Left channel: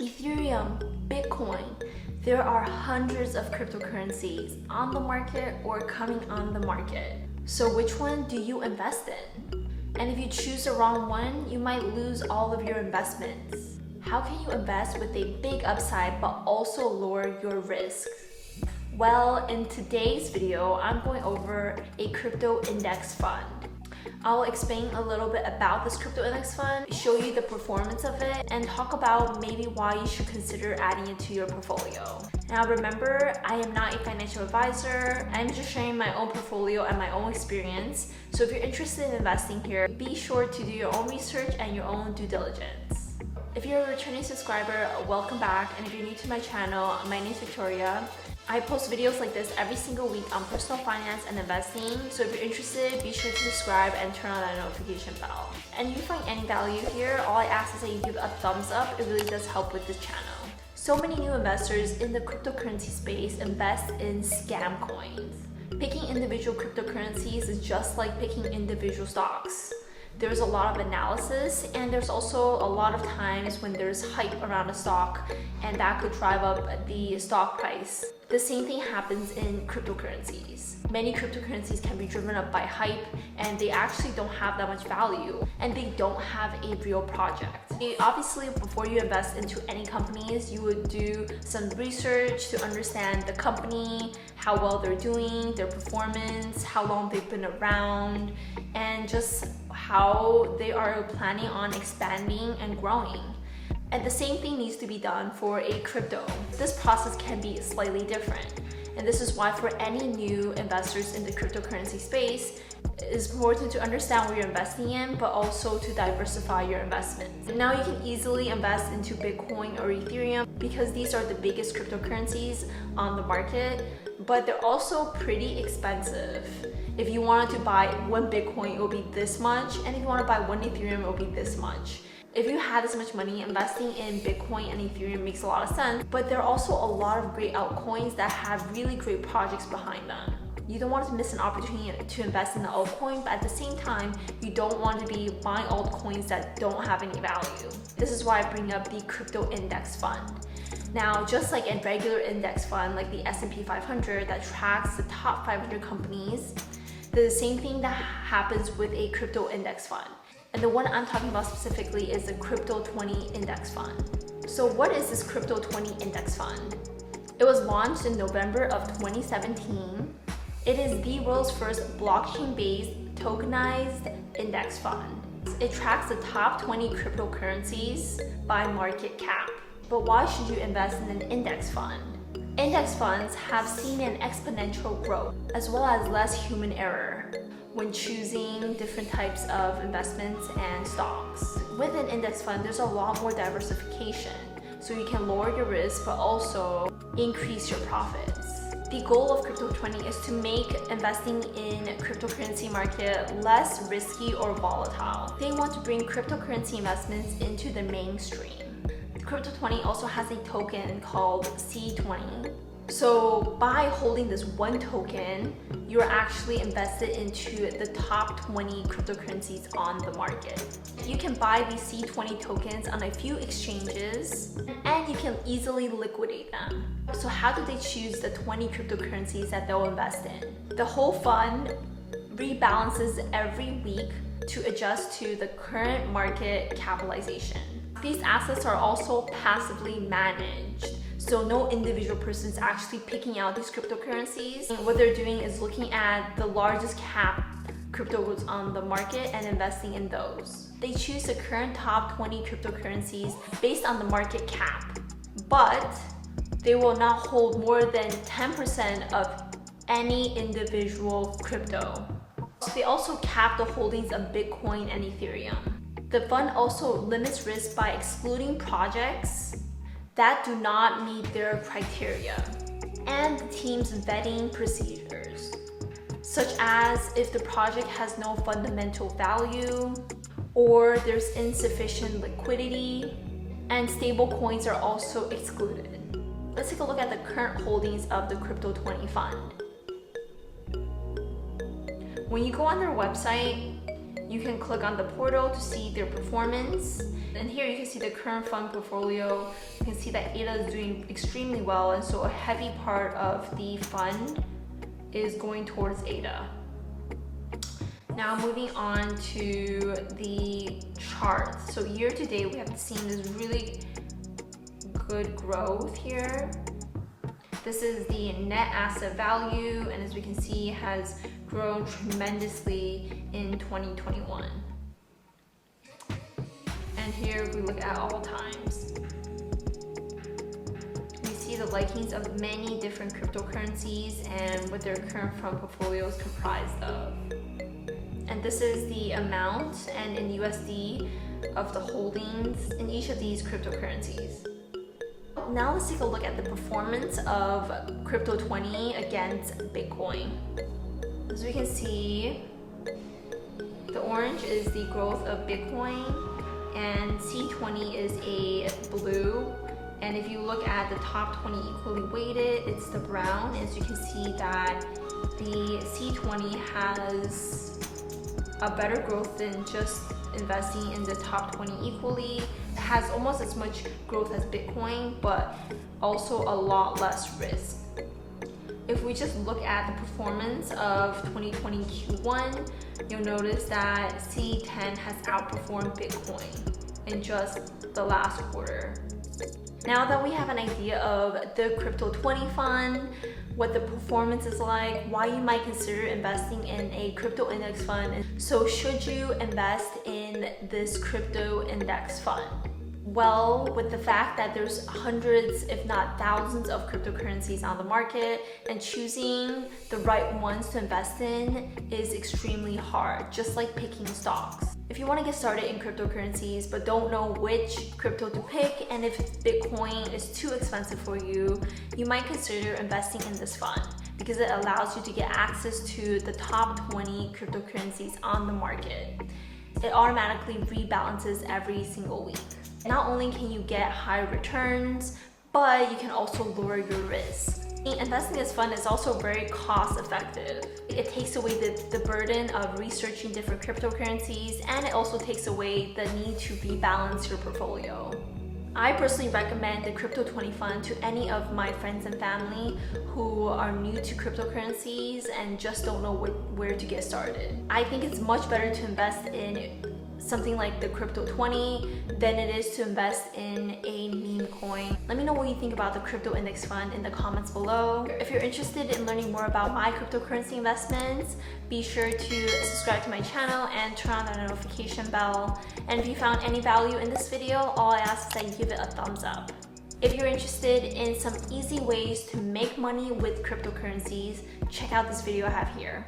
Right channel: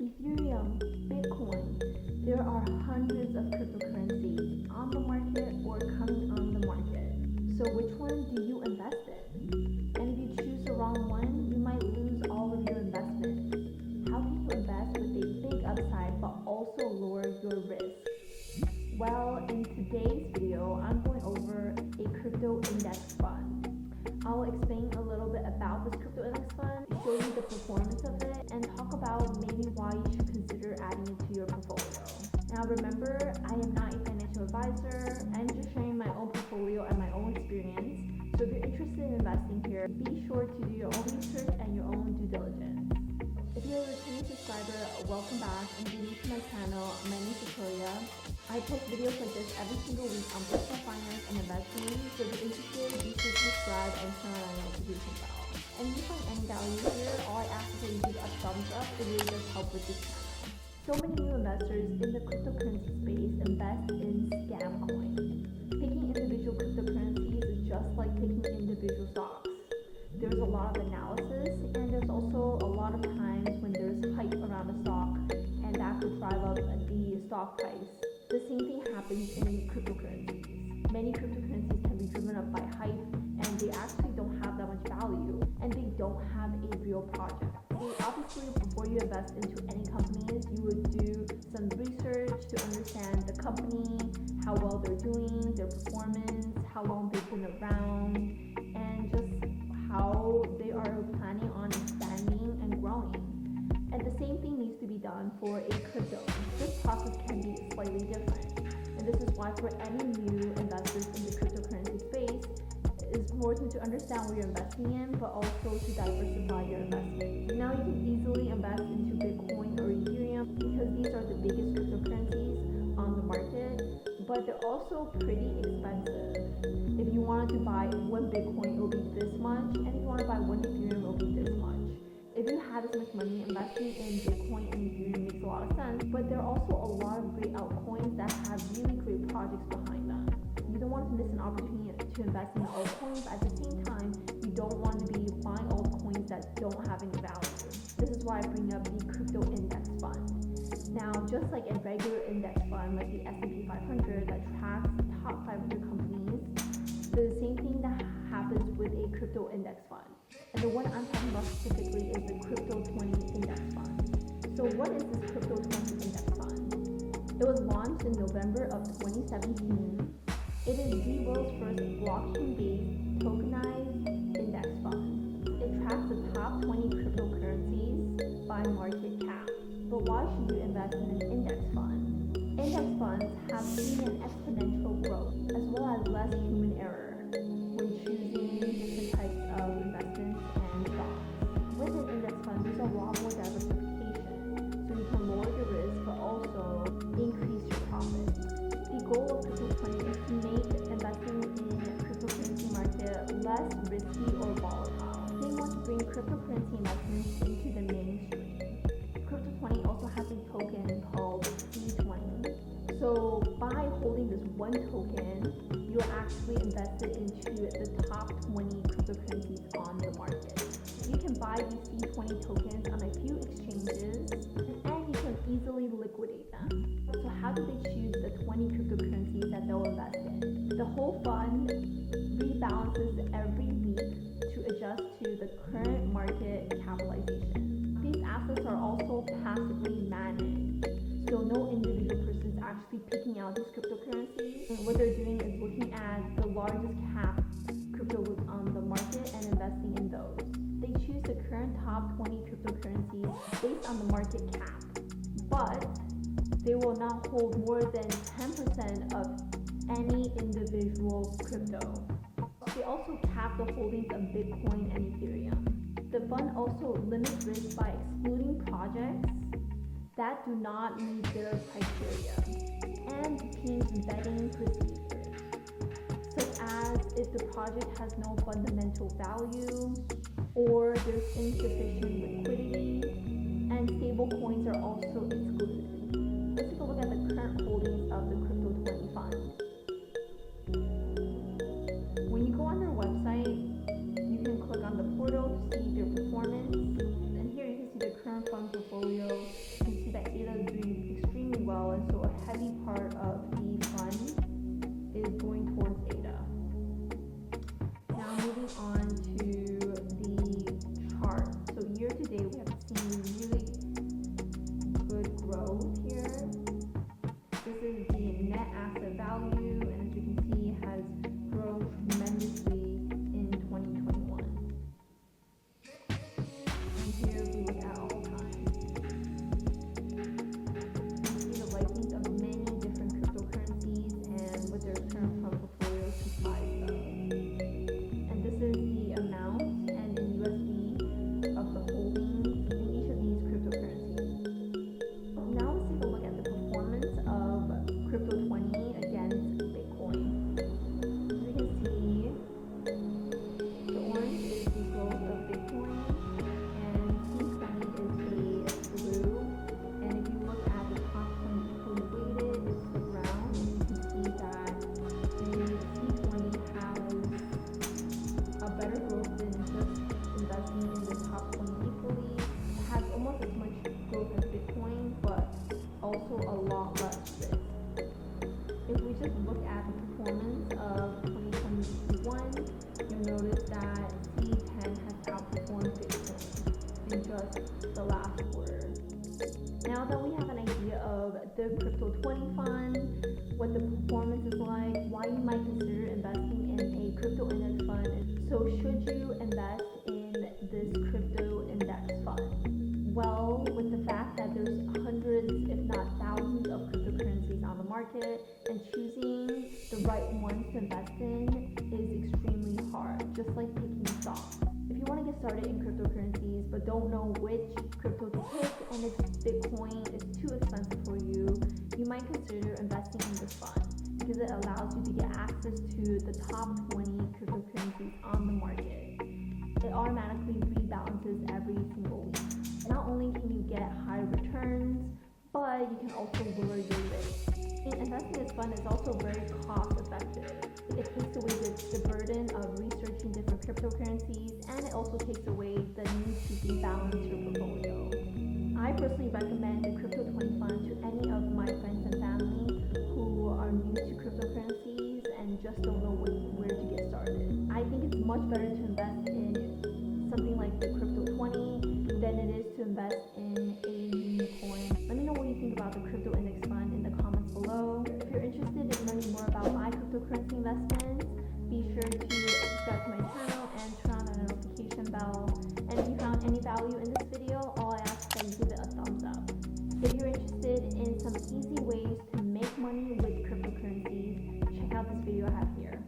Ethereum, Bitcoin. There are hundreds of cryptocurrencies on the market or coming on the market. So which one do you invest in? And if you choose the wrong one, you might lose all of your investments. How can you invest with a big upside but also lower your risk? Well, in today's video, I'm going over a crypto index fund. I'll explain a little bit about this crypto index fund, show you the performance of it, and talk about maybe why you should consider adding it to your portfolio. Now remember, I am not a financial advisor. I'm just sharing my own portfolio and my own experience. So if you're interested in investing here, be sure to do your own research and your own due diligence. If you're a returning subscriber, welcome back. And if you're new to my channel, my name is Victoria. I post videos like this every single week on personal finance and investing. So if you're interested, be sure to subscribe and turn on that notification bell. And if you find any value here, all I ask is that you give a thumbs up. It really does help with this channel. So many new investors in the cryptocurrency space invest in scam coins. Picking individual cryptocurrencies is just like picking individual stocks. There's a lot of analysis, and there's also a lot of times when there's hype around a stock and that could drive up the stock price. The same thing happens in cryptocurrencies. Many cryptocurrencies can be driven up by hype, and they actually don't have that much value, and they don't have a real project. Obviously, before you invest into any companies, you would do some research to understand the company, how well they're doing, their performance, how long they've been around, and just how they are planning on expanding and growing. And the same thing needs to be done for a crypto. This process can be slightly different. And this is why for any new investors in the cryptocurrency space, it's important to understand what you're investing in, but also to diversify your investments. Now you can easily invest into Bitcoin or Ethereum because these are the biggest cryptocurrencies on the market, but they're also pretty expensive. If you wanted to buy one Bitcoin, it will be this much, and if you want to buy one Ethereum, it will be this much. If you have this much money, investing in Bitcoin and Ethereum makes a lot of sense, but there are also a lot of great altcoins that have really great projects behind them. You don't want to miss an opportunity to invest in the altcoin, but at the same time, you don't want to be buying altcoins that don't have any value. This is why I bring up the crypto index fund. Now, just like a regular index fund like the S&P 500 that tracks the top 500 companies, the same thing that happens with a crypto index fund. And the one I'm talking about specifically is the Crypto20 index fund. So what is this Crypto20 index fund? It was launched in November of 2017. It is the world's first blockchain-based tokenized index fund. It tracks the top 20 cryptocurrencies by market cap. But why should you invest in an index fund? Index funds have seen an exponential growth as well as less human error when choosing different types of investments and stocks. With an index fund, there's a lot more diversification, so you can lower your risk but also increase your profits. The goal of Crypto20 is to make investing in cryptocurrency market less risky or volatile. They want to bring cryptocurrency investments into the mainstream. Crypto20 also has a token called C20. So by holding this one token, you're actually invested into the top 20 cryptocurrencies on the market. You can buy these C20 tokens on a few exchanges, and you can easily liquidate them. So how do they choose the 20 cryptocurrencies that they'll invest in? The whole fund rebalances every week to adjust to the current market capitalization. These assets are also passively managed, so no individual person is actually picking out these cryptocurrencies. And what they're doing is looking at the largest cap cryptos on the market and investing in those. They choose the current top 20 cryptocurrencies based on the market cap, but they will not hold more than 10% of any individual crypto. They also cap the holdings of Bitcoin and Ethereum. The fund also limits risk by excluding projects that do not meet their criteria and the team's vetting procedures, such as if the project has no fundamental value or there's insufficient liquidity, and stable coins are also excluded. Let's take a look at the current holdings of the Crypto20 fund. When you go on their website, You can click on the portal to see their performance. And here you can see the current fund portfolio. You can see that ADA is doing extremely well, and so a heavy part of the fund is going towards ADA. Now moving on to the charts. So year to date, we have seen this really good growth here. This is the net asset value, and as we can see, has grown tremendously in 2021. And here we look at all times. We see the likings of many different cryptocurrencies and what their current fund portfolio is comprised of. And this is the amount and in USD of the holdings in each of these cryptocurrencies. Now let's take a look at the performance of Crypto20 against Bitcoin. As we can see, the orange is the growth of Bitcoin and C20 is a blue. And if you look at the top 20 equally weighted, it's the brown. As you can see that the C20 has a better growth than just investing in the top 20 equally. It has almost as much growth as Bitcoin, but also a lot less risk. If we just look at the performance of 2020 Q1, you'll notice that C10 has outperformed Bitcoin in just the last quarter. Now that we have an idea of the Crypto20 fund, what the performance is like, why you might consider investing in a crypto index fund, so should you invest in this crypto index fund? Well, with the fact that there's hundreds, if not thousands of cryptocurrencies on the market, and choosing the right ones to invest in is extremely hard, just like picking stocks. If you want to get started in cryptocurrencies but don't know which crypto to pick, and if Bitcoin is too expensive for you, you might consider investing in this fund because it allows you to get access to the top 20 cryptocurrencies on the market. It automatically rebalances every single week. Not only can you get high returns, but you can also lower your risk. Investing in this fund is also very cost effective. It takes away the burden of researching different cryptocurrencies, and it also takes away the need to rebalance your portfolio. I personally recommend the Crypto20 fund to any of my friends and family who are new to cryptocurrencies and just don't know where to get started. I think it's much better to invest in something like the Crypto20 than it is to invest in a meme coin. Let me know what you think about the crypto index fund in the comments below. If you're interested in learning more about my cryptocurrency investments, be sure to subscribe to my channel and turn on the notification bell. And if you found any value in this video, all I ask is that you give it a thumbs up. If you're interested in some easy ways to make money with cryptocurrencies, check out this video I have here.